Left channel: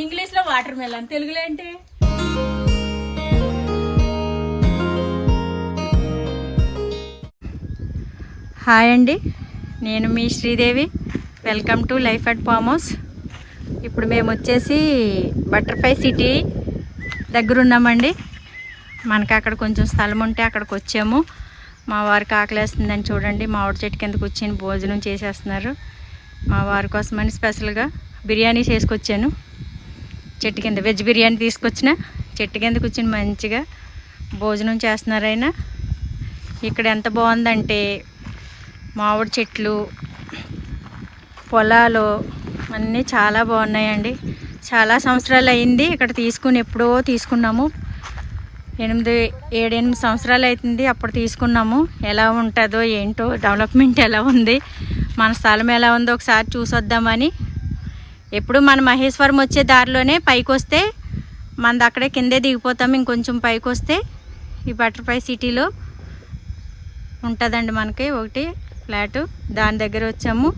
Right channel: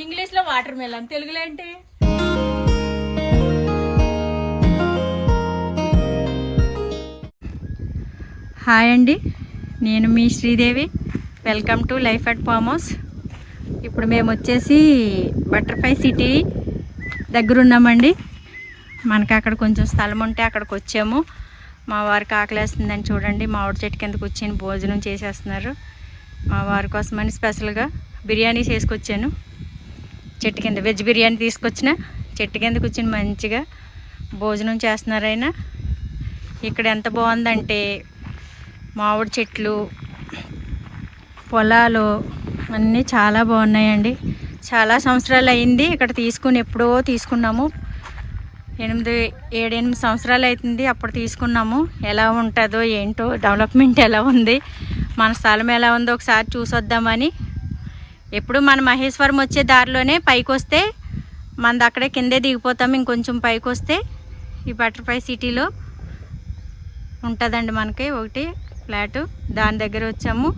English లో water melon, తెలుగులో ఏంటి? హాయ్ అండి, నేను మీ Sridevi. Welcome to life at farm house. ఇప్పుడు మేము వచ్చేసి బటర్ఫ్లై సిటీ దగ్గర ఉన్నామండి. మనకి అక్కడ కొంచెం స్థలం ఉంటే అక్కడికి వచ్చాము. మా వారికి ఆకలేస్తుందని చూడండి, మామిడి చెట్టు కింద కూర్చొని భోజనం చేసేస్తున్నారు. మా వారి కోసమని స్పెషల్గా బిర్యానీ చేసుకొచ్చాను. చెట్టు కింద వెజ్ బిర్యానీ తీసుకొచ్చిన, చెట్టు కింద కూర్చొని మంచిగా భోజనం చేస్తున్నారు ఆయన. ఇక్కడ ఎంత బాగుందంటే మామిడి చెట్లు, పొలాలు అన్నీ చాలా బాగున్నాయండి. చాలా సంవత్సరాలు అయింది ఇక్కడ తీసుకుని, ఎప్పుడో తీసుకున్నాము. 7-8 సంవత్సరాలు అవుతుంది అప్పుడు తీసుకున్నాము. ఎలా ఉంటుందో ఏంటో, డెవలప్మెంట్ ఎలా ఉంది, మన స్థలం ఎలా ఉందో ఒకసారి చూసొద్దామని. ఎప్పుడు మన మహేశ్వరం వచ్చే దారిలోనే పైకి వస్తే మనది అక్కడే కిందే దిగిపోతాము. ఇంకొంచెం పైకి వస్తే ఈ బటర్ఫ్లై సిటీలో ఉంటుందండి మనకి ఒకటి ఫ్లాటు. దాని దగ్గర వచ్చాము.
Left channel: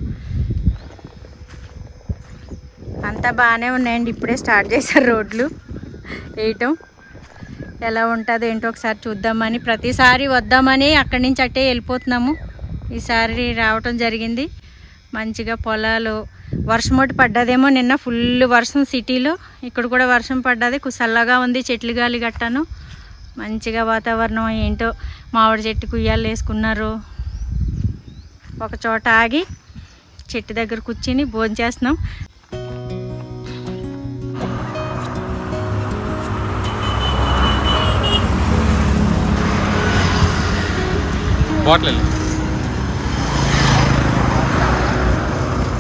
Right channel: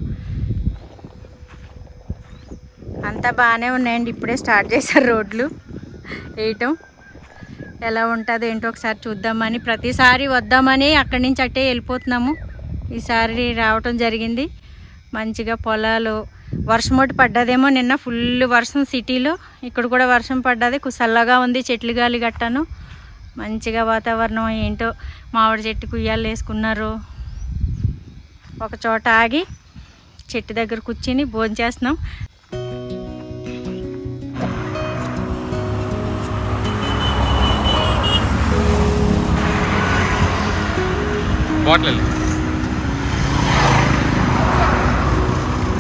అంతా బాగానే ఉన్నాయండి. ఇప్పుడే స్టార్ట్ చేశారు రోడ్లు వేయటం. ఎలా ఉంటుందో ఏంటో ఒకసారి చూద్దామని, ప్రతిసారి వద్దామని అక్కడి నుంచి అట్టే వెళ్ళిపోతున్నాము. ఈసారి రావటం జరిగింది. మంచిగా పొలాలు, వర్షం ఒకటి పడ్డదేమో నిన్న, ఫుల్ వర్షం సిటీలో. ఇక్కడ కూడా వర్షం పడ్డది, చల్లగా ఉంది, చెట్లు గాలి గట్టాను. మంచిగా వాతావరణం ఏంటో. మామిడి చెట్టు కుయ్యాలు వేసుకున్నారు. ఒక చోట ఆగి చెట్టు దగ్గర కూర్చుని భోజనం చేస్తున్నాం.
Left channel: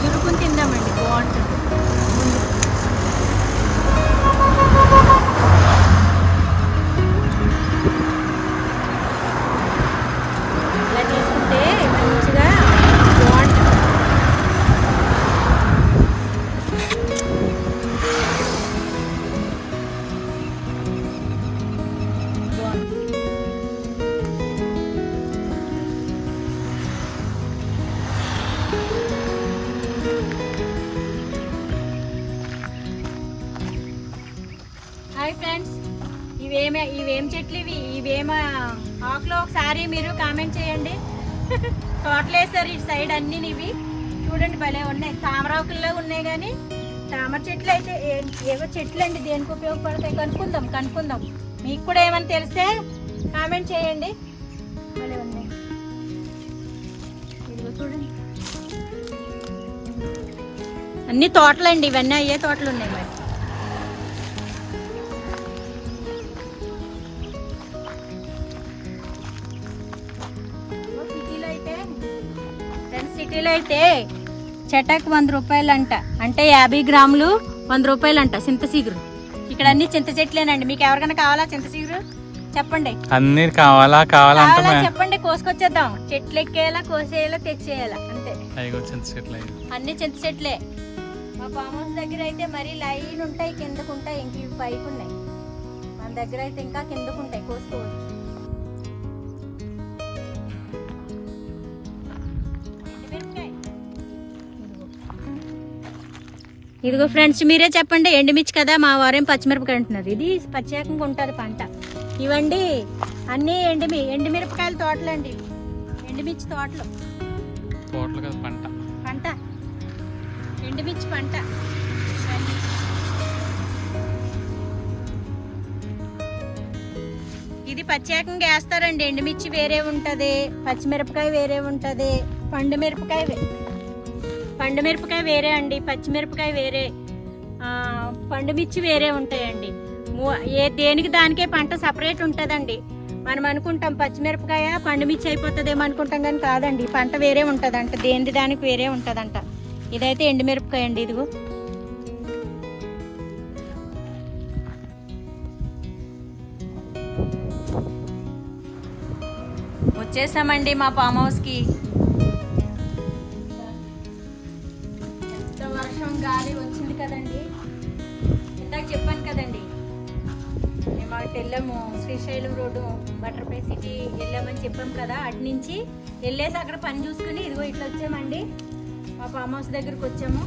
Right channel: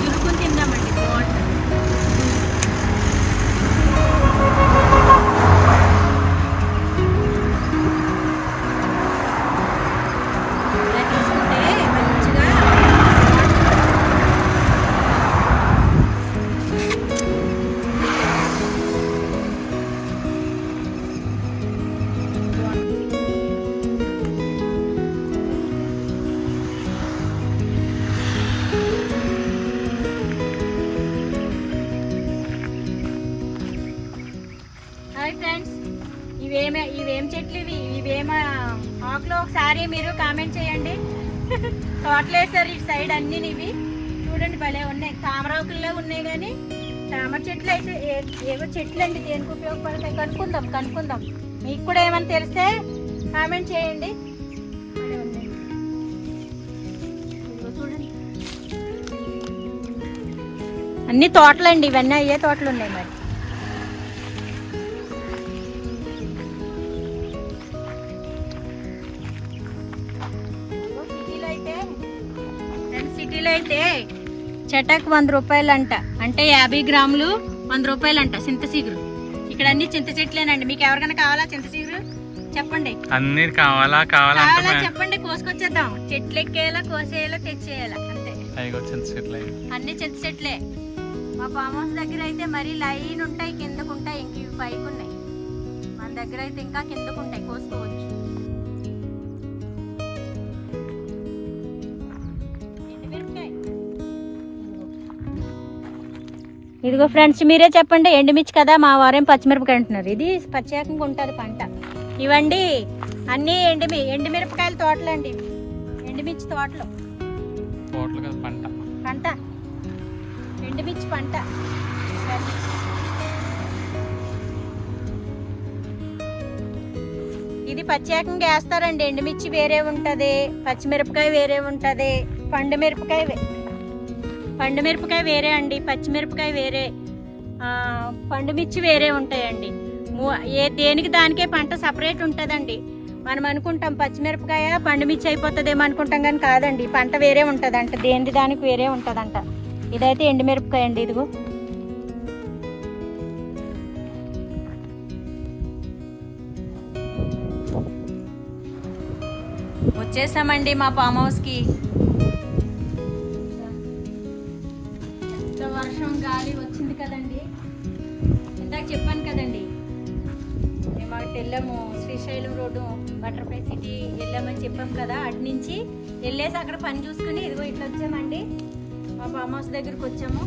జురుకుని తిందామండి, బాగుంటుంది. ఇలా తీసుకుంటే మంచిగా బాగుంటుంది. హాయ్ ఫ్రెండ్స్, ఇవేం చెట్లు ఇవేమ ఆకులో ఒకసారి మీరు కామెంట్ చేయండి. తోటలు వేసారు ఇటు సైడ్ అన్ని. ఇవి చూడండి భలే ఉన్నాయి, తామరాకుల్లో ఉన్నాయి. కానీ తామర చెట్లు అయితే ఏవో చెట్లు అండి, దేనికి ఉపయోగపడతాయి కనుక్కుందాం. మీకు కూడా ఏమైనా తెలిస్తే కామెంట్ చేయండి. భలే ఉన్నాయి, ఇదిగో చూడండి. అన్ని తోటలండి ఇవన్నీ, అయ్యే తోటలు ఉన్నాయి మరి. సిటీలో అయితే చెటక్ 100 రూపాయలు అంట, అంటే 50 గ్రాములు 100 రూపాయలు అంట చింత చిగురు. ఇక్కడ అన్ని చింత చెట్లేనండి. మీకు ఎవరికైనా కావాలా చింత చిగురు చెప్పండి. అన్ని కావాలా చెప్పండి, కోసుకొచ్చేద్దాం. చెట్లు ఎక్కేయాలా, కోసేయాలా, తెచ్చేయాలా అంతే. అన్ని చింత చెట్లే. మా ఫామ్ హౌస్ దగ్గర అయితే మరీ లైన్ ఉంటాయి, కిందకు ఉంటాయి, ఇంక ఇవి పైకి ఉన్నాయి. మన దగ్గర అయితే ఇంకా కిందకు ఉంటాయి, కోసుకోవచ్చు. ఇదిగో ఫ్రెండ్స్, మీరే చెప్పండి. ఎండుమిర్చి కదా, మా వారేం పచ్చిమిరపకాయ అంటున్నారు. ఇది ప్రత్యేకంగా ఉంటుంది పంట. ఇవండి అన్నీ ఎండుమిరపకాయల తోటలు అండి, ఎండుమిర్చి తోటలు. పంట ఎండుమిర్చి పంట. ఇది ప్రత్యేకంగా వేస్తారండి. ఎండుమిర్చి వేరే ఉంటది, పచ్చిమిరపకాయ వేరే ఉంటది, పండుమిరపకాయ వేరే అండి, పచ్చిమిరపకాయ వేరే, పండుమిర్చి వేరే ఉంటాయండి. దేనికి దానికే పంట సపరేట్ ఉంటుందండి. మనం అనుకుంటాం పచ్చిమిరపకాయ పండుమిర్చి అయిపోతుందేమో అనుకుంటాం, కానీ కాదండి, పంట వేరే ఉంటుందంట, దేనికి దానికి వేరే ఉంటుందంట. ఇదైతే ఎండుమిరపకాయ అండి. ఇదిగో వచ్చేసామండి మా ఫామ్ హౌస్కి. వర్షం గాలి వచ్చింది కదండి, ఇందాక చెప్పాను కదండి. మేము అటు వెళ్ళాము, శ్రీశైలం రోడ్డు బటర్ఫ్లై సిటీ వెళ్ళామని చెప్పాం కదా. అటు నుంచి వెళ్ళేసి అక్కడ పని చూసుకుని ఇదిగో ఇట్లా వచ్చామండి. మా ఫామ్ హౌస్ దగ్గరకు వచ్చాము.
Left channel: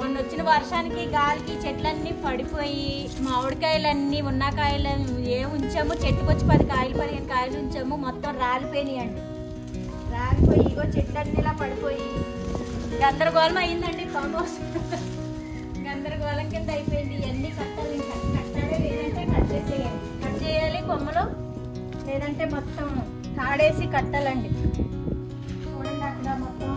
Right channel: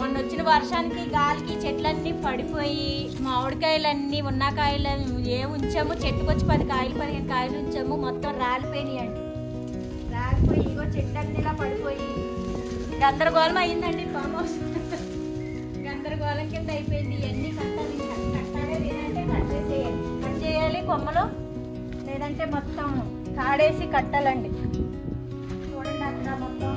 మొన్న వచ్చిన వర్షానికి గాలికి చెట్లన్నీ పడిపోయి మామిడికాయలన్నీ ఉన్న కాయలు ఉంచాము, చెట్టుకొచ్చి 10 కాయలు 15 కాయలు ఉంచాము, మొత్తం రాలిపోయినాయండి. రాలిపోయి ఇగో చెట్లన్నీ ఇలా పడిపోయి గందరగోళం అయ్యిందండి. ఫామ్ హౌస్ గందరగోళం కింద అయిపోయింది. ఇవన్నీ కట్టాలి, కట్టాలి లేదంటే కట్ చేయాలి కొమ్మలు, లేదంటే మొత్తం కాడేసి కట్టాలండి. చూడండి అక్కడ మొత్తం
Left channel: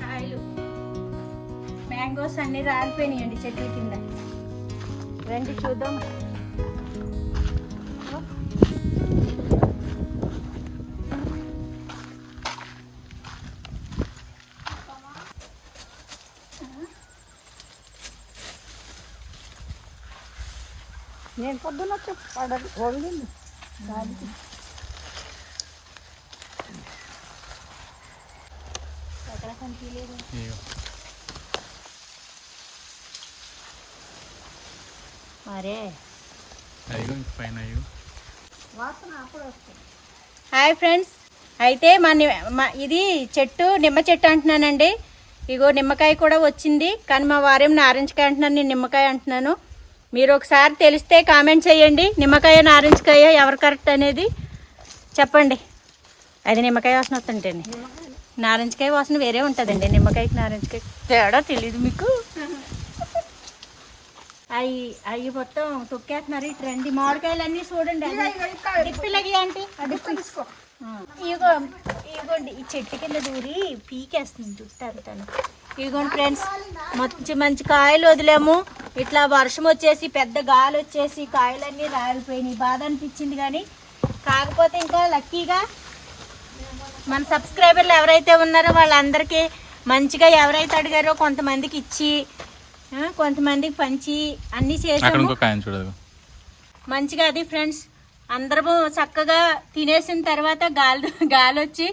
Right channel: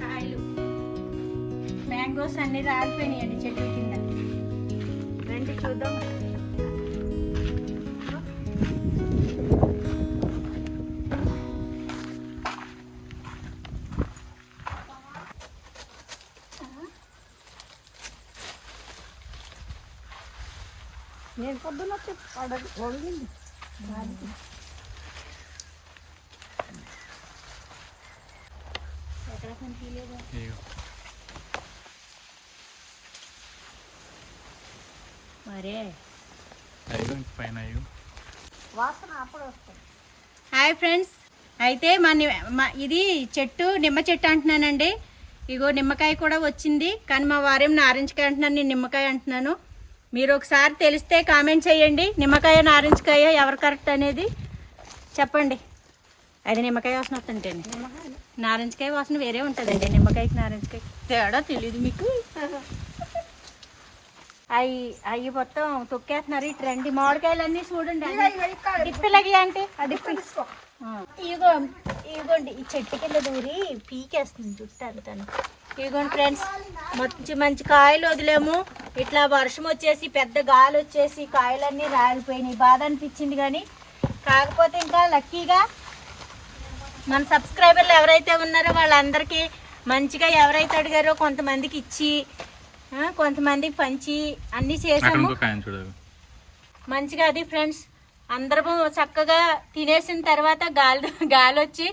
కాయలు మ్యాంగోస్ అన్ని రాలిపోయినాయండి చెట్ల కింద. రండి చూద్దాం. నేను పొద్దున్న వంగింది అక్కడ కనిపించలేదు. మరే హాయ్ ఫ్రెండ్స్, అయితే ఇది చెట్టు నిమ్మ చెట్టు అంటున్నానండి. ఇగో నిమ్మకాయ కూడా వచ్చింది, కానీ మా వారేం నారింజకాయ అంటున్నాను, నేను నిమ్మకాయ అంటున్నాను. మీరు ఒకసారి తెలిస్తే కామెంట్ చేయండి, నిమ్మకాయ నారింజకాయ ఎవరు కరెక్ట్ అనేది చెప్పండి. అది నిమ్మకాయ వాసన వస్తుంటండి, నారింజకాయ వాసన వేరే ఉంటుందండి. నిమ్మకాయకి నారింజకాయ తేడా తెలీదు మీకు? అవి మొత్తం తొక్కేస్తున్నారు. ఇటు రండి, మామిడికాయలు అన్నీ చూడండి. డిప్పిలకి అంటే ఇగోండి ఈ చెట్టు కింద దూరి పీకేస్తుంది చుట్టాను తను. ఇగోండి ఫ్రెండ్స్, మంచి మంచి కాయలు వదిలేము. ఇట్లా వర్షం వచ్చేసి పెద్ద గాలి వచ్చేసి కాయలన్నీ రాలిపోయినాయి. బాధ అనిపించింది, కానీ కాకపోతే ఇంకా లక్కీగా మన సబ్స్క్రైబర్లు ఎవరైతే ఉన్నారో వాళ్ళందరికీ మంచిగా ఎవరైతే అడిగారో కొంతమందికి ఇచ్చి కొంతమందికి పంచి అన్నీ చేసాము మంచిగా. అది ఫ్రెండ్స్, అందరము చక్కగా తినేసిన తర్వాత గాలి వచ్చి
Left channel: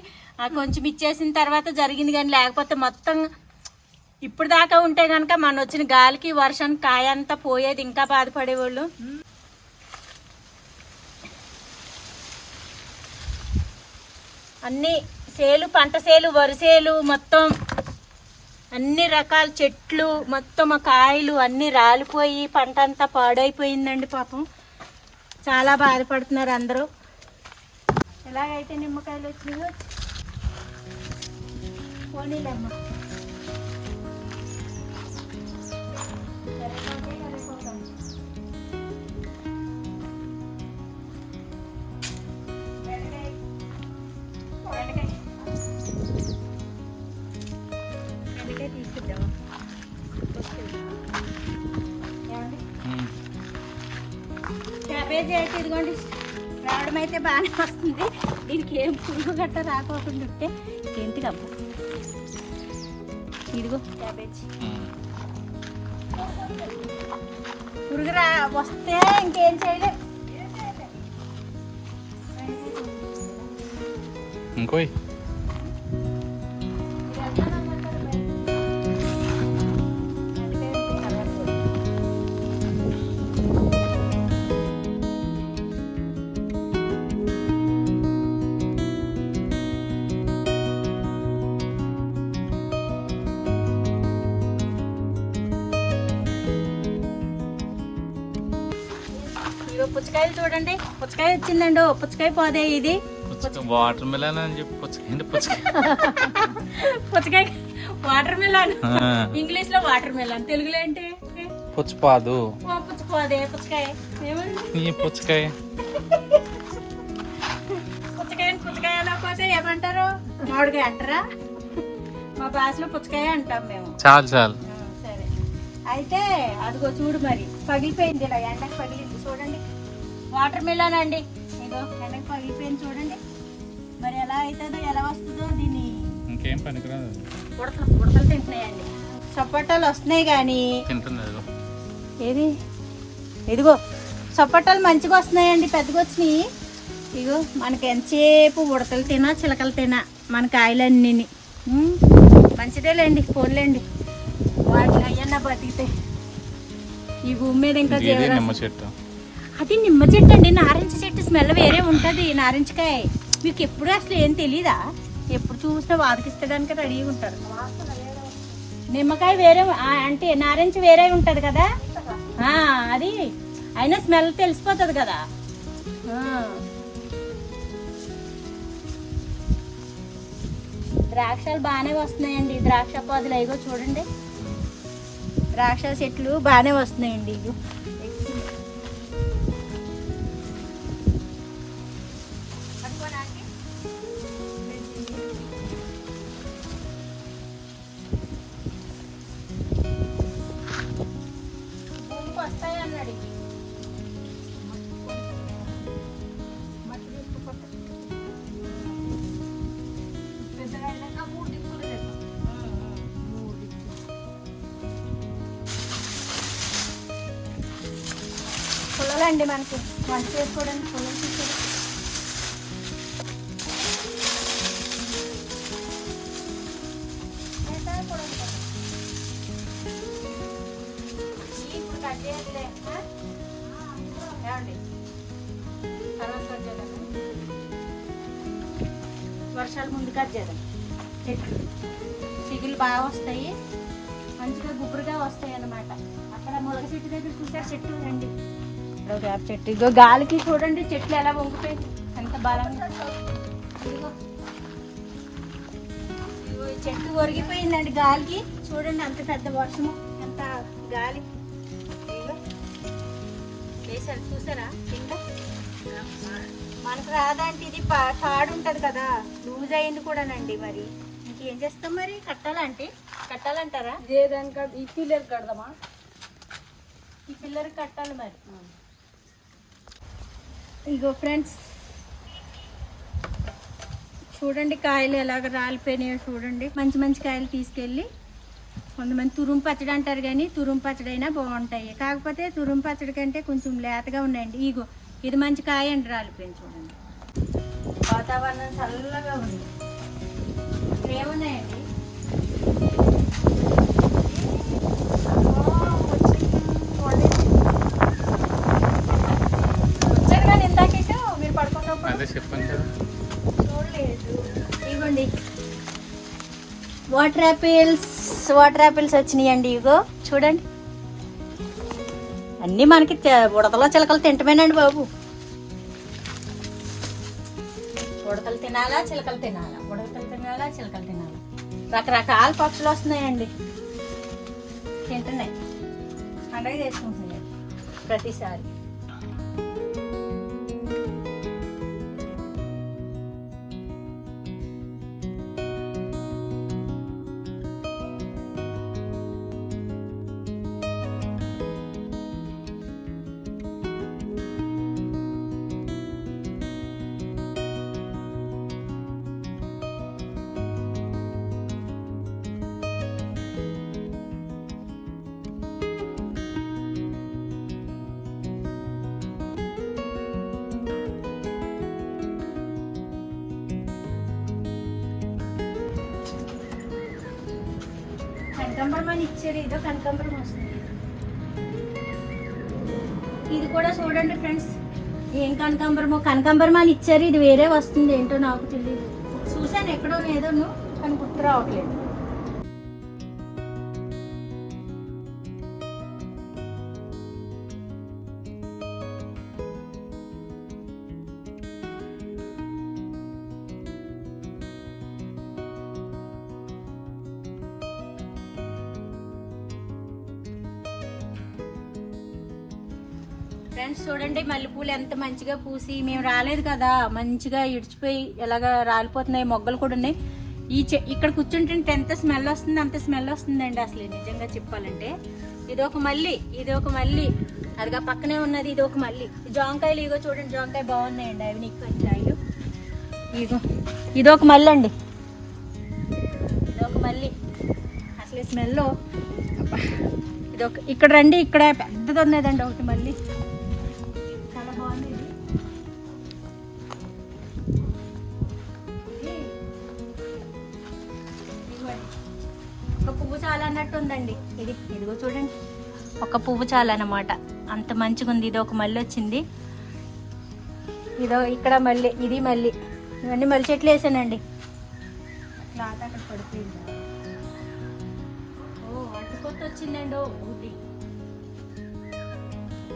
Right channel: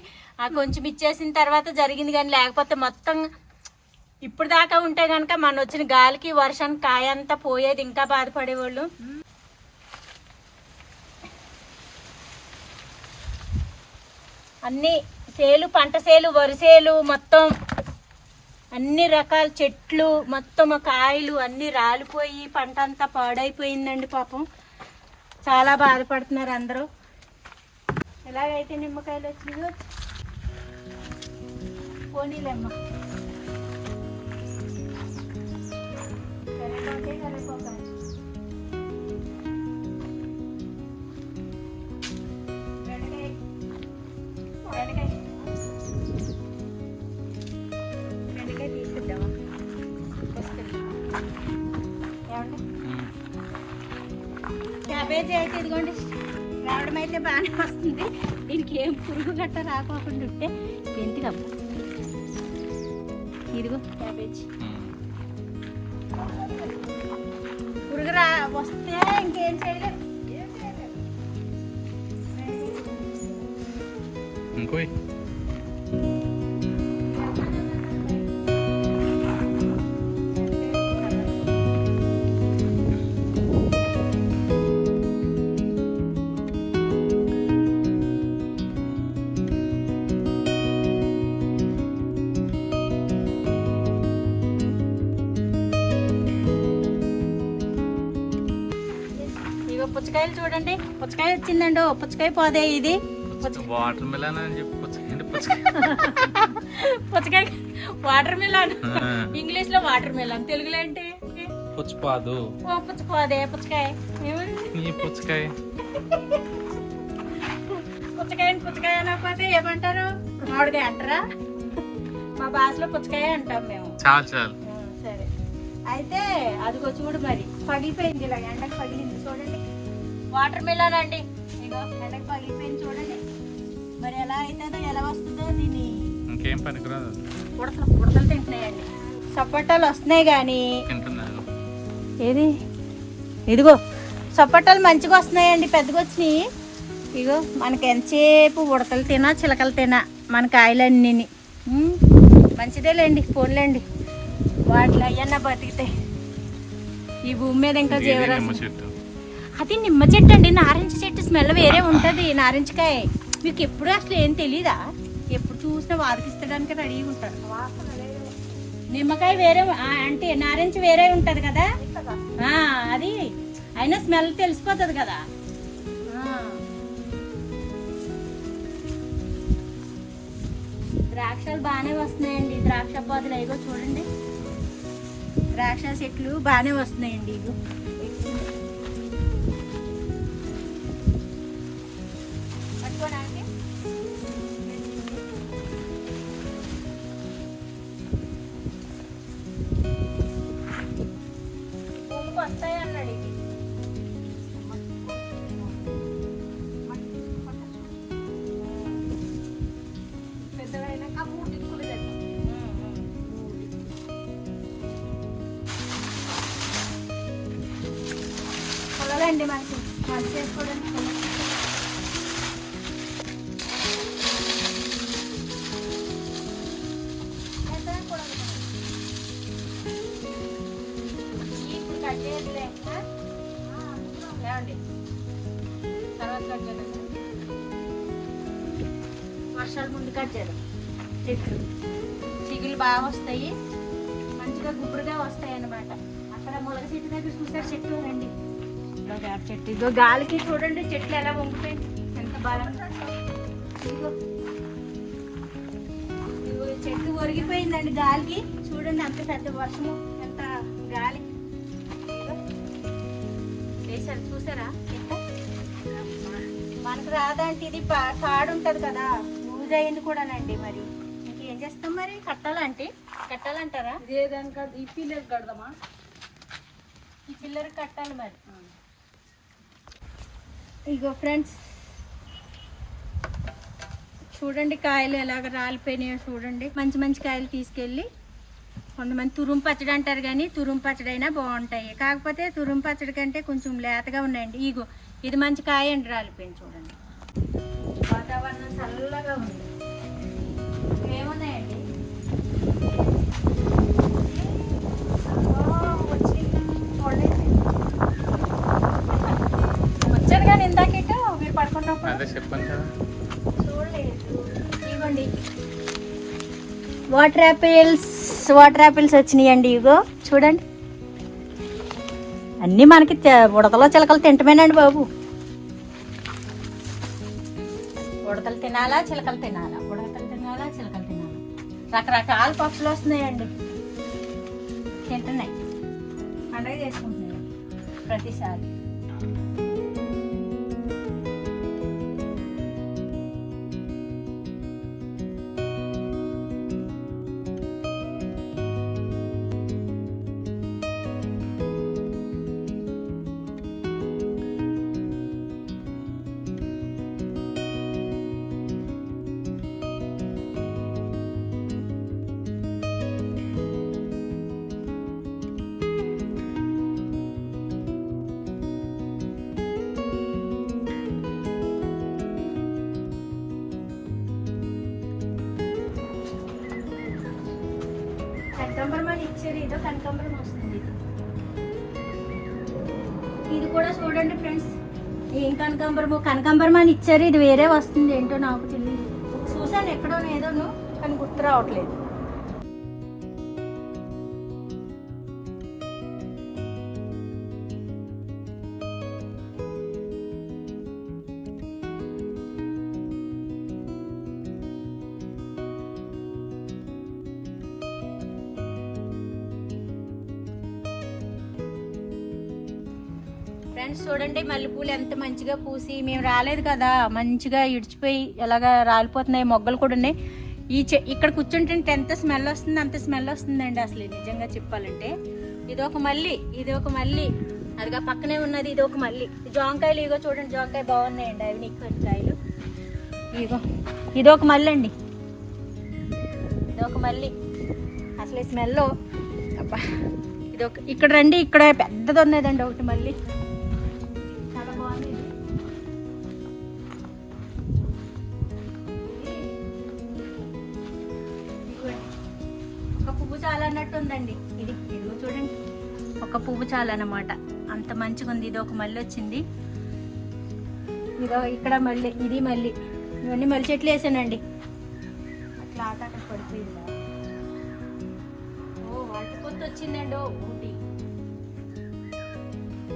కొంచెం ఇచ్చేసిన తర్వాత జరిగింది. కానీ లేకపోతే మొత్తం ఇప్పుడు దాకా ఉంటే కనుక మన వచ్చిన గాలికి వర్షానికి కాయ అంతా పోయేది, ఇంకా బాధపడేవాళ్ళు. అన్నీ సేలు, పంట సేలు, వరి సేలు, మొత్తం అన్ని రకాల చెట్లు మొత్తం కాయలు అన్నీ రాలిపోయి పంట అంతా పాడైపోయిందండి. పాపం చాలా బాధపడుతున్నారు అందరూ. ఎలాగైతే నిమ్మకాయలు వచ్చినాయో పోనీలేమ్మ. తీసుకుందామా? క్యాబేజీ అయితే ఇదిగోండి రావడం అయితే బాగానే వస్తుంది. దీనికి ఏం పురుగు గట్ట రాకోకుండా ఉంటే ఏంటిదబ్బా. ఇదిగో క్యాబేజీ పురుగు వస్తే ఇంకేం చేయలేదు. ఇంకో పుచ్చకాయలు చూడండి, పుచ్చకాయ వచ్చిందండి. పుచ్చకాయ పోదే ఇది వాటర్ మిలన్ అని చెప్పి పుచ్చకాయ వాటర్ మిలన్, ఇంగ్లీష్ లో వాటర్ మిలన్, తెలుగులో ఏంటి? పుచ్చపాదు. పుచ్చపోదే పుచ్చకాయ. పుచ్చకాయ పుచ్చకాయ అనకపోతే ఏమంటారు? మామిడికాయ అంటారా? మా భాషలో పుచ్చకాయ అంటాం మేము. చాలు చాలు. సరే, అయితే అదిగో చూడు, మరి పగిలిపోయింది, ఇలా ఎండకు పగిలింది చూడండి. వాటర్ మిలన్ అండి, ఇగో ఎండకు పగిలిపోయింది చూడండి. మరి ఎలా అవుతుందో ఎలా వస్తుందో దీన్ని ఇంకేం పనికిరాదు. ఉడతలు తింటున్నాయండి. సపోటాలు వస్తున్నాయి కానీ ఏది ఇదిగో సపోటాలు మంచిగా వస్తున్నాయండి, పెద్దగా వచ్చినాయి. ఇగో మనకి ఎంతసేపు ఉడతలు తినా చిలకలు తినా మన కాయలన్నీ మంచిదేలేండి, పోన్లేండి. వాటి అయ్యన్న బతికితే ఈ భూమి మీద ఇంకా నిమ్మ చెట్టు. అది ఇది నిమ్మ చెట్టు అండి. నారింజ చెట్టు స్మెల్ వేరే ఉంటుంది. నారింజకాయ మీకు ఎప్పుడు అసలు ఏం తెలీదా? ఎప్పుడు చూసినా వాదికిస్తడానికి రెడీగా ఉంటారు. నిమ్మకాయ వేరే అంటే నారింజ వేరే ఉంటది కదా, అది అయినా స్మెల్ తెలిసిపోతుంది కదా. ద్రాక్షలు బాగానే వస్తున్నాయండి. ద్రాక్ష పాదులు అయ్యో చూడండి, ద్రాక్ష చెట్లు బాగానే వస్తున్నాయండి. ఇగో పట్టుకోడానికి భూమికి వస్తాయి అన్నాడు. పుల్లలండి మనకి వంట చేసుకోవడానికి పుల్లలు తీసుకోవడం. ఇప్పుడు కట్ చేయాలి, తర్వాత కట్ చేద్దాం. వర్షాలు ముందు కట్ చేద్దాం. చెట్లు సిగులు బాగా వస్తాయి, మంచిగా గుబురుగా వస్తాయి అన్నమాట. అక్కడ మొలక చెట్టు దగ్గర చూసారు చెట్టు రండి. వేప చెట్టు ఇగో గాలికి చూడండి చెట్లు ఎలా వంగిపోయింది, ఎంత బలంగా. చెట్టు ఒరిగిపోయిందండి గాలికి. చూడండి అంత పెద్ద వర్షము, ఎంత గాలి వేసారు చూసారా కింద. మనకు రాదంటే ఇది తాడు ఉంటది కదా, లూజ్ అయింది కూడానండి. మరి ఇంకేం చేస్తాం మరి? కట్టాలంటారా? ఈ పిల్లలు కడదామా? ఈ పిల్లలకి కట్టాలి మరి. ఇగో ఫ్రెండ్స్ చూడండి కాయలు ఎలాగ రాలిపోయినాయో చూడండి. మంచి మంచి కాయలు తీసుకెళ్ళి కొంతమంది తురుము పచ్చడి అంటారు, కానీ తురుము పచ్చడి అయినా బాగుంటాయి. కాకపోతే తురుము పచ్చడి కంటే కొంచెం లేతగా ఉన్నాయండి. ఇగో ఇది మంచి కాయ అండి, రాలిపోయింది చూడండి. వాతావరణం చల్లగా ఉంది. ఏమున్నాయండి వచ్చారు కానీ ఇందాకేటో మీరు పడుకుంటాం అదే చెప్పాను కదా, చూడలేదు. ఇవ్వండి వాటర్ యాపిల్స్ వచ్చినాయండి. ఇగో చూడండి, అన్నీ మనకి ఉడతలో చిలకలు తింటమేనండి బాబు. ఉడతలు తినాలా, చిలకలు తినాలా, ఉడతలు తినాలా, చిలకలు తినాలా. రకరకాల పక్షులు వస్తున్నాయండి, తింటున్నాయి, పండగ చేసుకుంటున్నాయి ప్రతిసారి. కనకాంబరం అని ఇచ్చారు, ఇదో కనకాంబరం వస్తుంది. ఇది కూడా చూడండి ఫ్రెండ్స్, ఏం కనకాంబరం అని ఇచ్చారు. ఇది వేరే వస్తుంది, ఏంటో నాకు తెలియదు. చూసాను ఎక్కడో ఏదోను, కానీ గుర్తు రావట్లేదు. ఫ్రెండ్స్ చూడండి మల్లెపూలు ఎంత మంచిగా పూసి, మేము రాలేదు కదా, మంచిగా ఇడిచిపోయి ఎలాగా రాలిపోతున్నాయి. మొగ్గలు కూడా ఉన్నాయి. ఇక్కడ కూర్చుంటే ఎంత స్మెల్ వస్తుంది, అంత స్మెల్ వస్తుందండి అసలు నిజంగా చెప్పాలంటే. ఇది ఒక మల్లి అదిగా పక్కనే ఉన్నది, ఇది ఒక మల్లి. జాంకాయలు ఇగో చూడండి, జాంకాయ బాగున్నాయండి, అవి నీకు కాయలు. ఇగో ఇదొక మల్లి అండి, ఇదొక మల్లి. అసలు స్మెల్ అబ్బా. ఇదొక ఇక్కడ రండి, ఇక్కడ పెద్దది ఉన్నదండి ఒకటి మళ్ళీ, చాలా బాగుంది. ఇది ఒక పువ్వు చాలా అన్నట్టు ఉందండి. ఇదిగో చూడండి, ఒక పువ్వు చాలా అన్నమాట, అంత మంచిగా ఉంది. ఇది ఒక మళ్ళీ వచ్చింది. ఇదో ఇక్కడ మళ్ళీ ఇది మళ్ళీ ఇవన్నీ మళ్ళీ చెట్లు వేసానండి. అట్లా ఆట అక్కడ పడిపోయిందా. ఓ అటుకొత్త వచ్చిందండి. ఓ ఊటి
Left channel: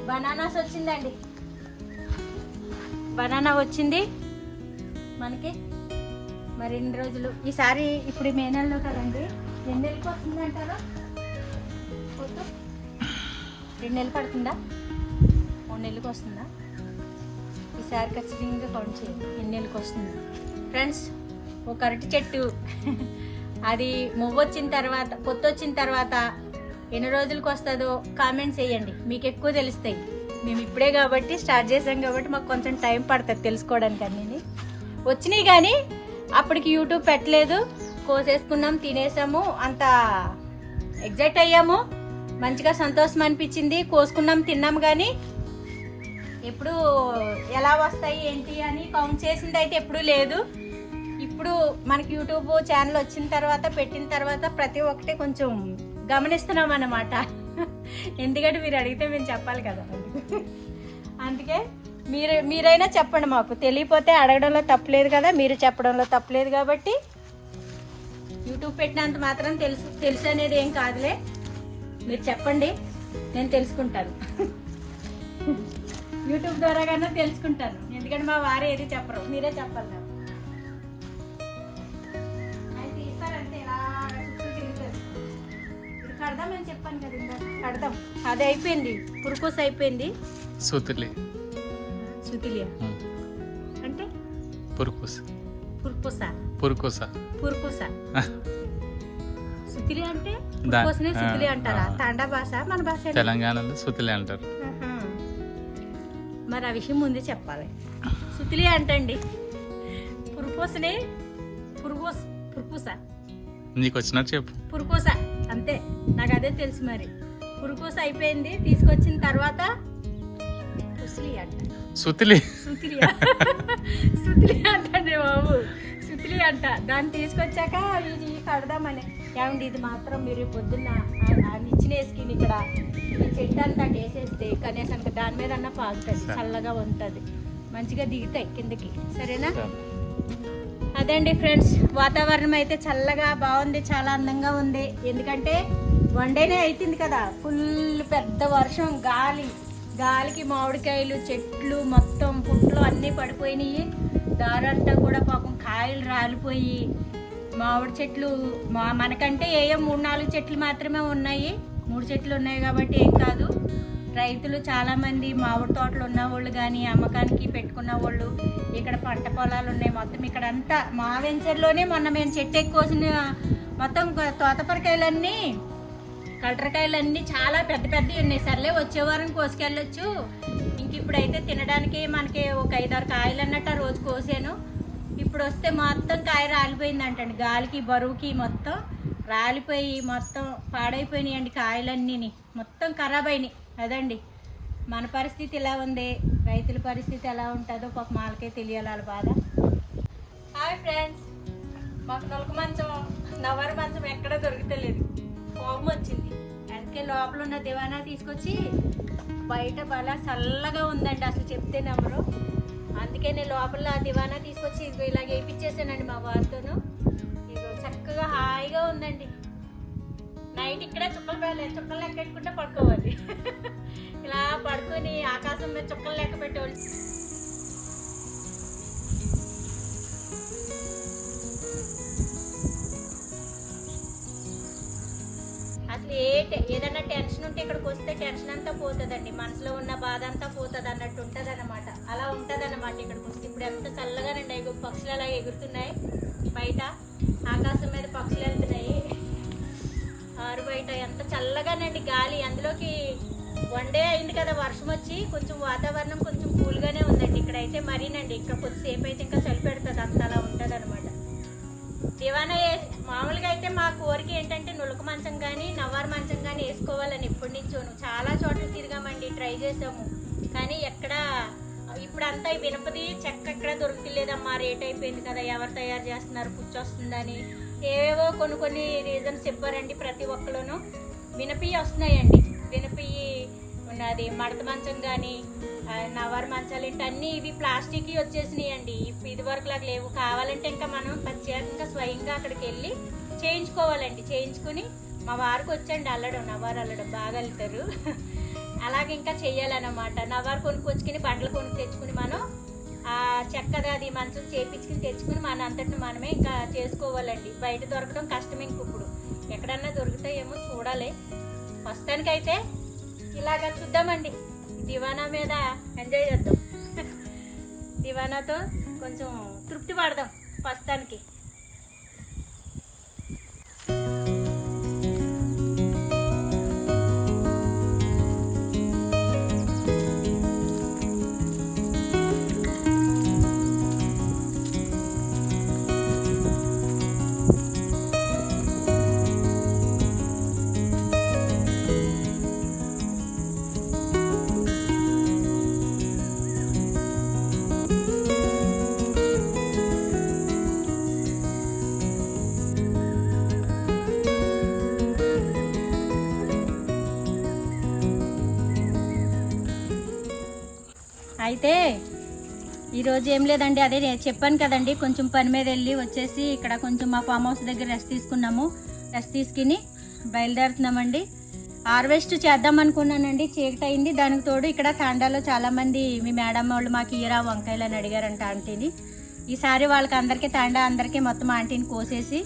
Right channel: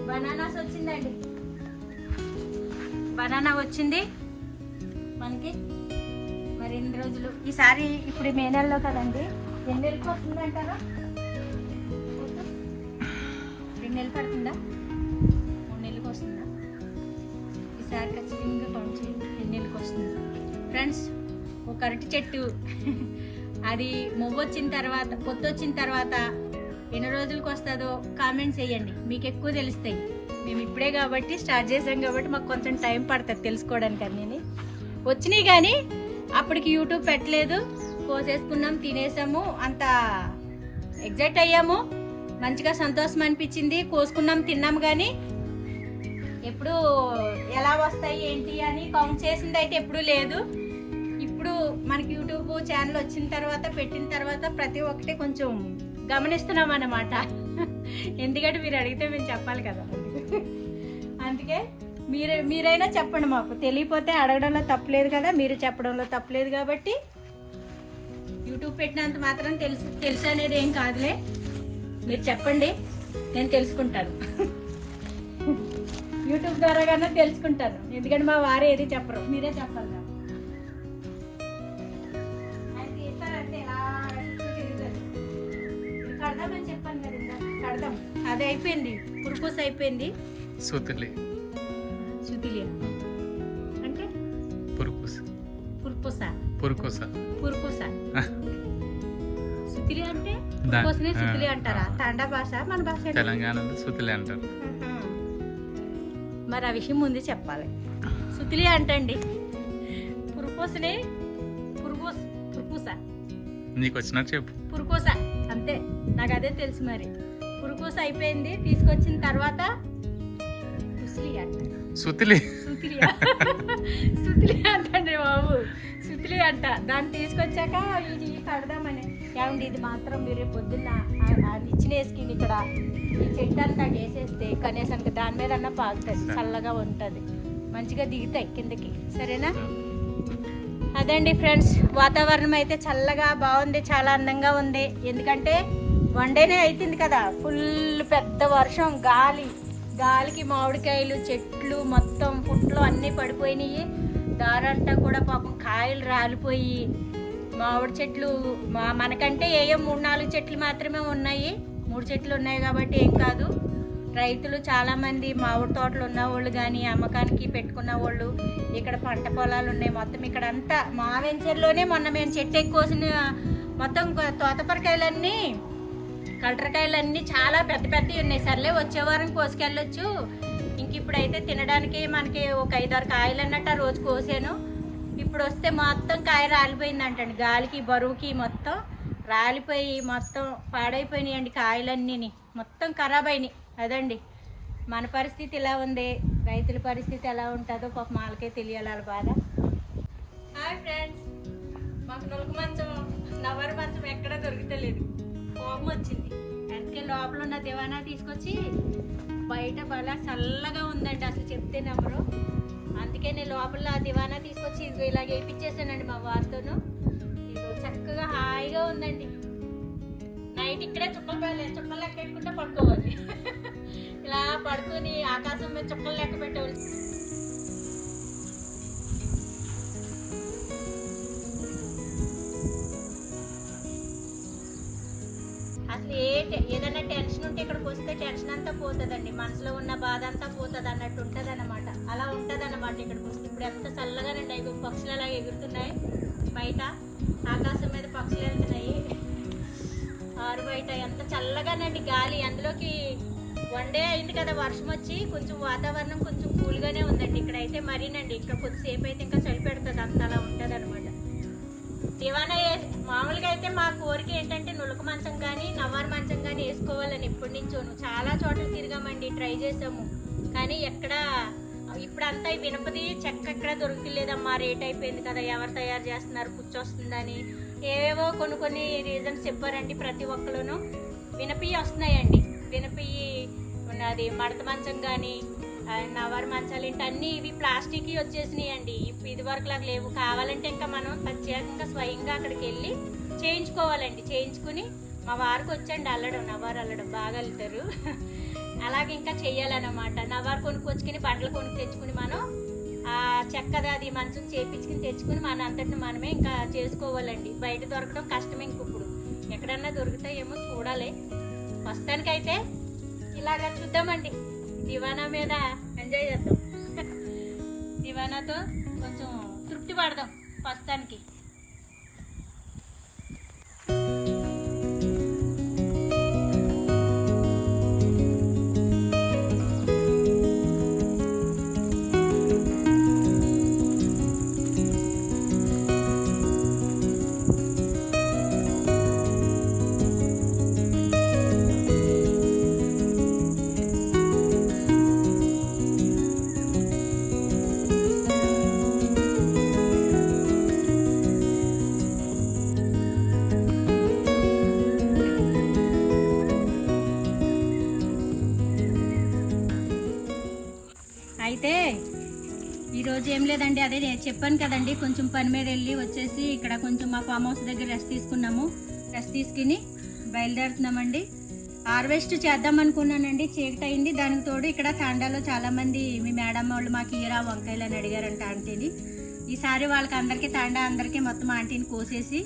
బనానాస్ వచ్చిందండి. బనానా వచ్చింది మనకి మరి ఎన్ని రోజులు ఈసారి ఇప్పుడు మే నెలలో కదండి. ఎన్ని నెలలకు వస్తుంది అంటారా? 2 నెలలు పడుతుందా? 3 నెలలకు వస్తుందా? ఈసారి ఖచ్చితంగా కౌంట్ చేయండి ఎన్ని నెలలకు వస్తుంది. ఫ్రెండ్స్ ఒక అరటి చెట్టు అది మొవ్వు వచ్చిన తర్వాత పొత్తు వచ్చిన తర్వాత ఎన్ని రోజులకు వస్తుందో కామెంట్స్ వేయండి. మీకు ఎక్కువ తెలుస్తాయి. మేము ఇప్పుడే కాబట్టి స్టార్ట్ చేసాం కాబట్టి మాకు కొంచెం టైం పడుతుంది తెలుసుకోవడానికి. అన్నీ వచ్చినాయి కానీ అప్పటికి యూట్యూబ్ పెట్టలేదు. కోసేసుకున్నాం, తినేసాము, అంత ఎగ్జైట్ అయ్యాము, మంచిగా సంతోషం అనిపించింది. కోసుకున్నాం, తిన్నాము. కానీ ఎప్పుడు ఎలా వస్తాయి ఏంటి అని కౌంట్ చేసింది అయితే ఎప్పుడూ లేదు. ఇప్పుడు మనకి యూట్యూబ్ ఛానల్ వచ్చిన తర్వాత పెట్టిన తర్వాత ప్రతి ఒక్కటి కొంచెం గమనిస్తున్నాం అన్నమాట. ఎందుకంటే మీరు అడిగితే మేము చెప్పాలి కదా. అందుకే మీరైనా చెప్పండి. మాకు తెలియపోతే అడగడంలో తప్పలేదు కదా, మీరు చెప్పడంలో తప్పలేదు. కాబట్టి యూట్యూబ్ పెట్టినంత మాత్రం తెలుసు అనేది ఏం కాదులే. మీరు చెప్పండి, నేను తెలుసుకుంటాను. యూట్యూబ్ ద్వారాగానే తెలుసుకుంటాను. ఎందుకంటే మా వారు ఏది చెప్పరు, మీరే చెప్పాలి నాకు. ఆయన తీస్తారంటే ఇలా కడదాం అని చెప్పాను కదా ఇందా. కడదాం. అది అయిపోయింది, పురుకోస అయిపోయింది. సుతిలి అంటే పురుకోస సుతిలి అంటే పురుకోసనే సుతిలి అంటారా? తాండా భాష, మన భాష తెలంగాణలో సుతిలి అంటారు. మరి ఆ విషయం ముందే చెప్పాలి. సుతిలి అంటండి, పురుకోసనే పురుకోస. నీకు వచ్చినట్టు చెప్పు. పురుకోస అంతే, నాకు అదే తెలుసు. మరి పురుకోస అయిపోయింది. తీసుకొచ్చిన తర్వాత సుతిలి అంటండి బాబు, సుతిలి అంట. దాన్ని తీసుకొచ్చాక ఇది కడదామని. ఏమండి ఇది మాత్రం మీరు పొద్దున్న నిచ్చిన వేసుకుని ఇక్కడ ఈ చెట్టు అంతా వేసేస్తే కనీసం దాని మీద అన్న పాగుతుంది, చల్లగా ఉంటుంది, మంచిగా దిగుతాయి కిందకి. సరేనా? అదండి ఫ్రెండ్స్, వాతావరణం అయితే చల్లగా బాగుంది, చాలా అందంగా ఉంది. ఎందుకంటే 1 డేనే అవుతుంది కదా, ఫుల్ పెద్ద వర్షం, గాలికి మామిడికాయలు చెట్లు మొత్తం పుట్లు అన్నీ పడిపోయినాయి. దారంతా కూడా పాపం కాయలు రాలిపోయి మామిడి చెట్లు మనకంటే ఏయో 3-4 చెట్లు మాత్రమే ఉన్నాయి. 3 చెట్లు ఉన్నాయి కాబట్టి ఏం కాదు. రైతులు చాలామంది మామిడి తోటలు ఉన్నవాళ్ళు కానీ అమ్మకానికి పెట్టుకున్న వాళ్ళు, ఇక్కడ పంట పొలాలు ఉన్నాయి మొత్తం. ఇక్కడ అంతా మా వెంచర్లోనే మొన్న మేము చెట్టు ఎక్కువసిన మొత్తం తోతపరకాయలన్నీ, కలటరకాయలన్నీ చాలా పెద్ద పెద్దవి ఉన్నాయి. సర్లే వచ్చే వారం కోసుకెళ్ళొచ్చు. ఇంక ఇప్పుడైతే తినడానికి మనకి ఒక 5-6 కాయలు అన్నట్టు ఆ రోజు కోసాను. ఇప్పుడు వస్తే మొత్తం కాయ రాలిపోయిందంటండి. గాలికి బరువుకి మొత్తం రాలిపోయి మొత్తం పాడైపోయినాయండి కాయలన్నీ, మొత్తం ఖరాబ్ అయినాయి. అదండి మన పరిస్థితి ఇలా ఉంది. రైతుల పరిస్థితి ఎలా ఉంటుందో పాప వాళ్ళకే తెలియాలి వాళ్ళ బాధ. హాయ్ ఫ్రెండ్స్, మాకు నొలక మంచం, నవర మంచం ఎక్కడ దొరుకుతలేదు. కోపం వచ్చింది. అందుకే లోపల ఉన్న దివానా తీసుకొచ్చి బయట బలా చల్లగా ఉందండి, అసలు చెప్తే నమ్మరు. అందుకే నేను లోపల దివానా తీసుకొచ్చి ఇదిగో ఇలాగ వేయించేసానండి మా వారితోను. ఇదిగో చక్కగా హాయిగా ఉందండి. నైట్ ఇక్కడే చుక్కలు లెక్క పెట్టుకుంటే పడుకోవాలి. ఇలా పడుకొని ఆకాశం మీద చుక్కలు లెక్క పెట్టేవాళ్ళు. అసలు ఏదైనా టెన్షన్ ఉంటే ఇక్కడికి వస్తే టెన్షన్ అంతా పోతుందండి, మనసులో ఉన్న బాధ అంతా పోతుంది అన్నట్టు ఉంటుంది అన్నమాట. అలా ఉంటుంది అన్నమాట ఇక్కడికి వస్తే. ఇప్పుడు ఎంత చల్లగానండి, పక్షులు అలాగే ఎగురుతున్నాయి బయట, ఆకాశం మీద పక్షులు వెళ్తున్నాయి. ఆరు బయట ఎంత చల్లగానండి గాలి. అందులోకి 1 డే అయింది కదా వర్షం వచ్చి, కొంచెం వాతావరణం కొంచెం కూల్గానే ఉందండి. ఇక్కడైతే మరీనండి, ఇక్కడ కొద్దిసేపు అయితే ఇంకా చలి పెడుతుంది, అంత అలా ఉంటుంది అనమాట. దివానా మామూలుగా అయితే మా కోరిక ఏంటంటే నులక మంచం కానీ నవారు మంచం కానీ వేసుకోవాలని ఎప్పటి నుంచోను చాలా చోట్ల తిరిగామండి, ట్రై చేసాము. కానీ ఎక్కడ ఇప్పుడంతా వినపది చెక్క ఎక్కడ దొరుకుతలేదమ్మా, రేట్ అయిపోయింది కదా, ఎవరు తయారు చేస్తున్నారు, పుచ్చొస్తుందని ఏవేవో కొన్ని రీజన్స్ చెప్పారండి. ప్రతి ఒక్కరును వినపియ్యి వస్తున్నాయండి, వినపియ్యి ఉన్నది మడత మంచం కానీ నవర్ మంచాలు ఏంటి అన్నీ ఇవి ప్లాస్టిక్ వచ్చేసినాయి అండి. ఇది వరకు లాగా లేవు. కావాలంటే ఇంకా మనం ప్రత్యేకంగా స్వయంగా అక్కడికి వెళ్ళి చేయించుకోవాలండి. చేయించుకుని మా వారికి వచ్చండి అల్లడం, నవారు అల్లడం బాగా వెళ్తారు. అలాగే ఇంకా చెయ్యాలన్నమాట. నవారు కొనుక్కొచ్చుకుని బండ్లు కొనుక్కు తెచ్చుకుని మనం ఆ చెక్కది అది మంచం చేపించుకుని తెచ్చుకుని మన అంతటిని మనమే ఇంకా చేసుకోవాలండి. బయట దొరకడం కష్టమే. ఇప్పుడు ఎక్కడన్నా దొరుకుతాయేమో చూడాలి. ప్రస్తుతానికైతే ఇలాగా చూద్దామండి. దివానా మీద ఎంజాయ్ చేద్దాం. దివానాతో కొంచెం తృప్తి పడదాం ప్రస్తుతానికి. అయితే ఈరోజు ఏం లేదండి, అదే నేను చెప్పాను కదండి, కొంచెం పని మీద వెళ్ళి వచ్చేసి ఇక్కడ కొంచెం మా ఫామ్ హౌస్ దగ్గర రెస్ట్ తీసుకున్నాము. రెస్ట్ తీసుకుని బయలుదేరుతున్నామండి. హార్వెస్ట్ చేద్దాం అనుకున్నానండి, చీకటి అయింది. దానికి తోడు ఇక్కడ తాండాలో చాలామంది మీ మేడం వాళ్ళు మాకు ఇయరా వంకాయలు అని అడిగారంట ఆంటీని. ఈసారి వాళ్ళకి అందరికీ తాండా అందరికీ మొత్తం ఆంటీని కోసేసి,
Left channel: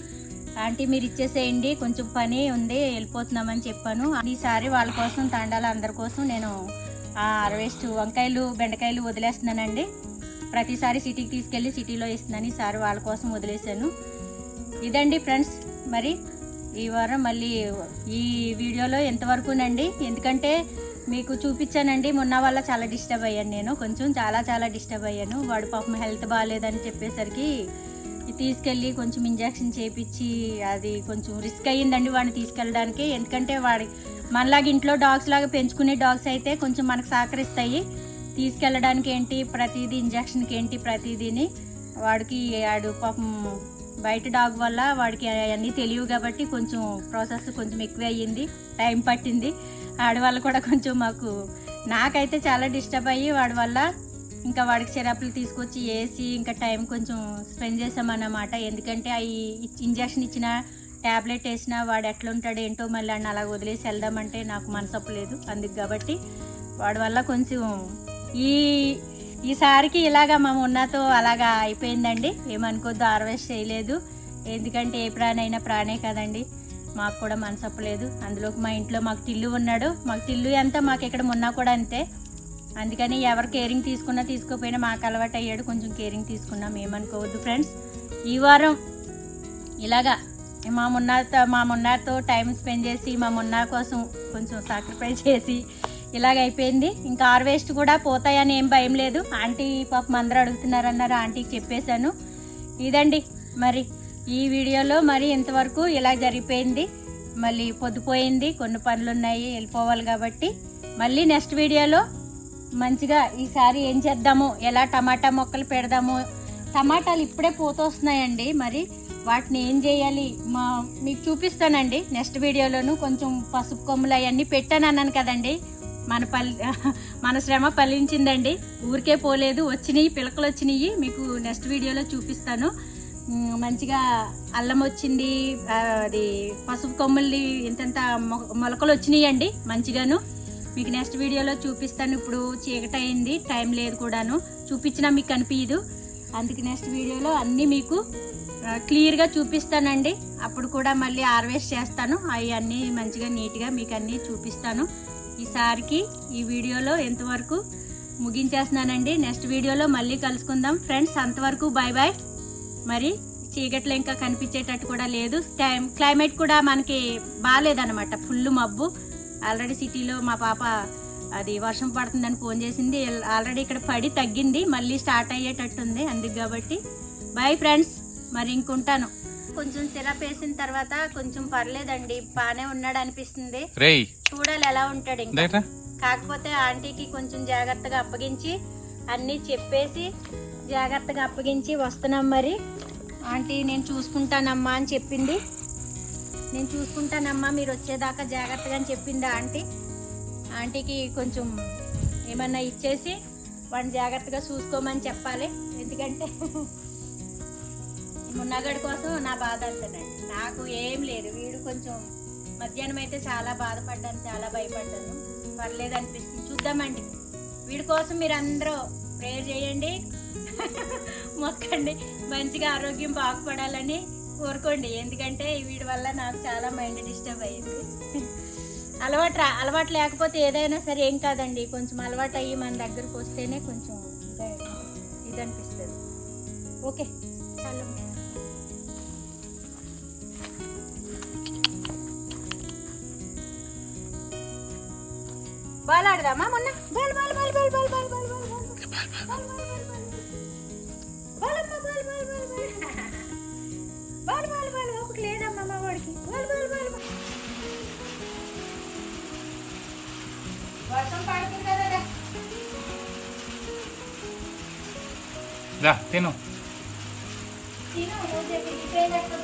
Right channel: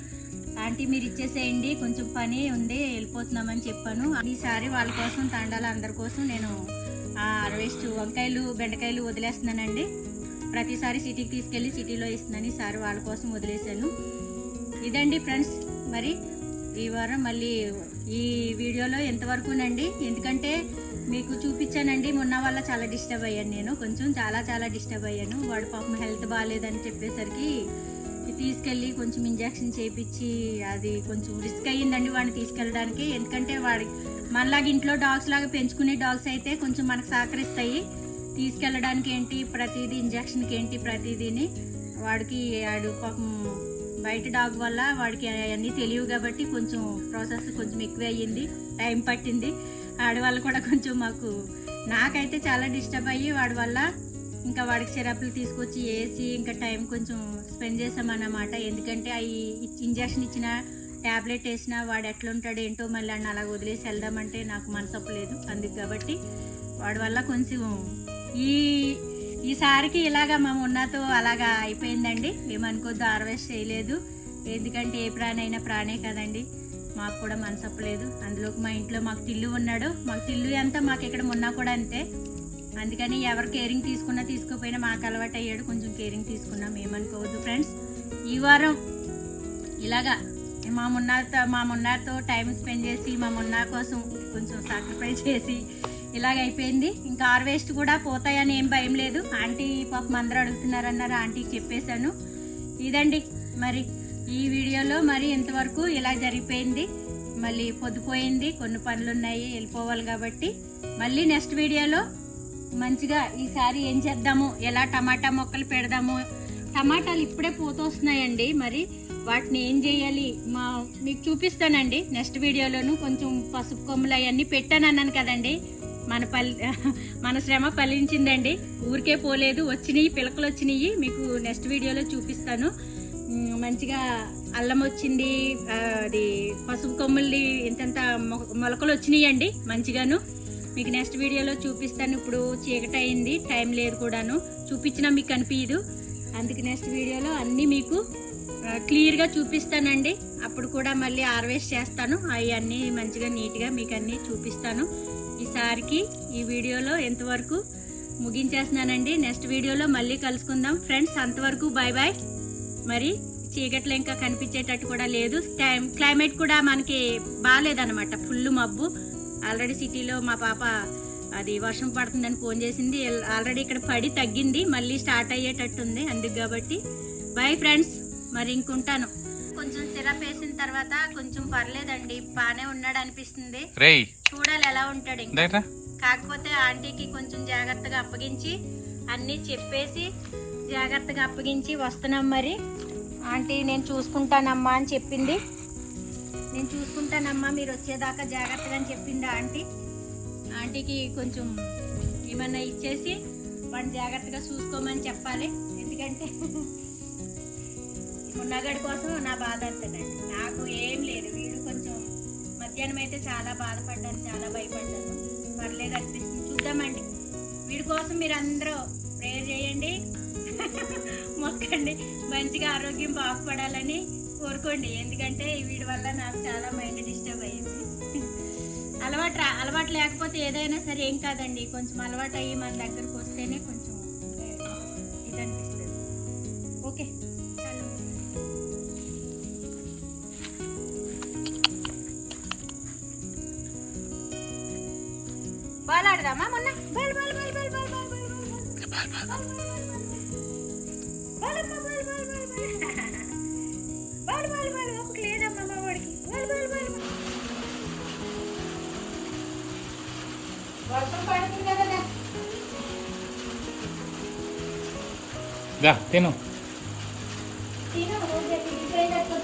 ఆంటీ మీరు ఇచ్చేసేయండి కొంచెం పని ఉంది వెళ్ళిపోతున్నామని చెప్పాను. ఈసారి వాళ్ళ కోసం తాండాలో అందరి కోసం నేను హార్వెస్ట్ వంకాయలు బెండకాయలు వదిలేస్తున్నానండి. ప్రతిసారి సిటీకి తీసుకెళ్ళి సిటీలో ఇస్తున్నాను, ఈసారి వాళ్ళ కోసం వదిలేసాను. ఇదండి ఫ్రెండ్స్, మరి ఈ వారం మళ్ళీ ఈ వీడియోలో ఎంతవరకునండి, ఎందుకంటే మీకు చూపించానండి. మొన్న వల్ల చాలా డిస్టర్బ్ అయ్యాను నేను, కొంచెం చాలా డిస్టర్బ్ అయ్యాను. వాడు పాపం హెల్త్ బాగాలేదని చెప్పేసరికి తీసుకెళ్ళి కొంచెం ఇంజెక్షన్ చేయించి అది కొంచెం రిస్క్ అయ్యిందండి వాడిని తీసుకెళ్ళడానికి. ఎందుకంటే వాడి మనలాగా ఇంట్లో డాగ్స్ లాగా పెంచుకునే డాగ్స్ అయితే కొంచెం మనకు సహకరిస్తాయి. తీసుకెళ్ళడానికి ఏంటి ప్రతిదీ ఇంజక్షన్కి ఏంటి ప్రతిదీని వాడికి ఆడు పాపం బయట డాగ్ వల్ల వాడికి అవన్నీ తెలియవు కాబట్టి కొంచెం ప్రాసెస్ కొంచెం ఎక్కువ అయ్యింది, టైం పట్టింది. వాడి వల్ల కూడా కొంచెం నాకైతే చాలా డిస్టర్బ్ అయ్యి వాడి వల్ల ఇంకా వాడికి సిరప్లు తీసుకొచ్చి వేసి ఇంకా టైం కొంచెం స్పెండ్ చేసామన్నమాట. ఎందుకంటే అవి ఇంజక్షన్ ఇచ్చిన ట్యాబ్లెట్ వేసినా వాడు ఎట్లా ఉంటాడు ఏంటో మళ్ళీ అన్న అలా వదిలేసి వెళ్దామంటే నాకు మనసప్పు లేదు. అందుకు కాబట్టి వాడి వల్ల కొంచెం ఈసారికి ఇలాగా మా ఉన్నతో అలాగా అయిపోయిందండి. ఏమనుకోద్దు, హార్వెస్ట్ చేయలేదు. ఎందుకంటే ఏ ప్రాణి అయినా ప్రాణే కదండి, మాకు కూడా మనసప్పు లేదు. అందులోకి మా ఇంట్లో మాకు టిల్లు ఉన్నాడు. మాకు టిల్లు ఎంత మాకు ఇక్కడ ఉన్నా కూడా అంతే. అందుకని ఎవరు కేరింగ్ తీసుకున్నా తీసుకోపోయినా మాకు అలవాటు అయ్యాడు, కొంచెం కేరింగ్ తీసుకున్నాం. ఏమనుకోవద్దు ఫ్రెండ్స్. ఈ వారం ఇలాగా మా మున్నాతో టైం స్పెండ్ చేసి మా మున్నా కోసం కొంచెం సాక్రిఫైస్ చేసి ఇలాగ అయిపోయింది. ఇంకా హార్వెస్ట్ కూడా పోతాయని ఏం భయం లేదు. ఆంటీ పాపం అందరూ అడుగుతున్నారన్నారు, ఆంటీకి చెప్పేశాను. ఇదండి మరి ఈ వీడియోలో మరి ఇంతవరకు ఇలా జరిగిపోయింది. మళ్ళీ పొద్దుపోయింది, కొన్ని పనులు ఉన్నాయి వెళ్ళిపోవాలి కాబట్టి మళ్ళీ నెక్స్ట్ వీడియోలో మంచిగా ఈసారి ఏం చేద్దాము, ఎలా టమాటా మొక్కలు పెడదాము. టమాటాలు ఇప్పుడే పోతొస్తున్నాయండి, మరి వాటిని ఏం చేయాలి మీకు చూపిస్తానండి నెక్స్ట్ వీడియోలోను. కొంచెం పసుపు కొమ్ములు అవన్నీ పెట్టాను అన్నాను కదండి, మన శ్రమ ఫలించిందండి. ఊరికే పోలేదు, వచ్చినాయి పిలకలు వచ్చినాయి. మీకు నెక్స్ట్ వీడియోలో చూపిస్తాను. మంచిగా అల్లం వచ్చింది, అది పసుపు కొమ్ములది ఇంతంత మొలకలు వచ్చినాయండి మంచిగాను. మీకు నెక్స్ట్ వీడియోలో చూపిస్తాను. ఇప్పుడు చీకటి అయింది, టైం లేదు కూడాను, చూపించినా మీకు కనిపించదు. అందుకే నెక్స్ట్ వీడియోలో అన్నీ మీకు క్లియర్గా చూపిస్తానండి. అప్పుడు కూడా మళ్ళీ హార్వెస్ట్ చేస్తాను, అవి అన్నీ మంచిగా నీట్గా మీకు అన్నీ చూపిస్తాను. ఈసారికి ఈ వీడియోలో ఎంతవరకు ముగించేస్తున్నానండి. నెక్స్ట్ వీడియోలో మళ్ళీ కలుసుకుందాం ఫ్రెండ్స్. అంతవరకు బాయ్ బాయ్. మరి చీకట్లో ఇంకా కనిపించేటట్టు కూడా లేదు. క్లైమేట్ కూడా మనకి బాగాలేదన్నమాట, ఫుల్ మబ్బు. ఆల్రెడీ సిటీలో మా పాప అది వర్షం పడుతుందని ఫోన్ చేసింది. ఆల్రెడీ ఇక్కడ పడి తగ్గింది, మళ్ళీ స్టార్ట్ అయ్యేటట్టుంది. అందుకు కాబట్టి బాయ్ ఫ్రెండ్స్. మరి ఇంకుంటాను. కొంచెం సిరప్ వేసిన తర్వాత కొంచెం పర్లేదండి, బాగానే ఉన్నాడు అనిపిస్తుంది. చూడాలి ఎలా ఉంటాడు ఇంకా. కాకపోతే ఆంటీకి కొంచెం జాగ్రత్తగా అప్పగించి అన్నీ చెప్పేసి జాగ్రత్తగా అప్పగించి వస్తున్నాం. మరి ఆంటీ నేను చూసుకుంటానమ్మా అని చెప్పింది. నేను చూసుకుంటానమ్మా మీరు వచ్చేదాకా జాగ్రత్తగా అని చెప్పిందా ఆంటీ. ఆంటీకి కొంచెం ఏమన్నా ఇచ్చేసి వాడిని జాగ్రత్తగా చూసుకోమని చెప్పాలి. ఎందుకంటే మున్నగడి కోసం నా బాధ అంతేనండి. నాకు ఏం లేదు. వీడు కొంచెం మధ్యాహ్నం అయితే చాలా బాధపడ్డాను, చాలా భయపడ్డాను. పర్లేదు అనిపిస్తుంది. చూద్దామండి. వీడి కోసం మీరు అందరూ ప్రేయర్ చేయండి, మొక్కండి, మంచిగా ఆరోగ్యం బాగుపడాలని కోరుకోండి. ఎందుకంటే వీడి వల్ల నాకు చాలా మైండ్ డిస్టర్బ్ అయ్యింది. అలవాటు లేకపోతే ఏదైనా సరే ఏం కాదండి. కొంచెం అలవాటు అయ్యి మన దగ్గరకు వస్తేనే కొంచెం ఇది అనిపిస్తుంది. ఓకే, చాలు. బాల్ ఆడదామా? మొన్న ball ball ball ball ball ball ball ball ball ball ball ఒకటి లేదమ్మా మా వాడికి. బాల్ బాల్ బాల్ వర్షం పడుతుందా కదా? దా తిను. తిను, రోజు ఎక్కడికి పోయినట్టు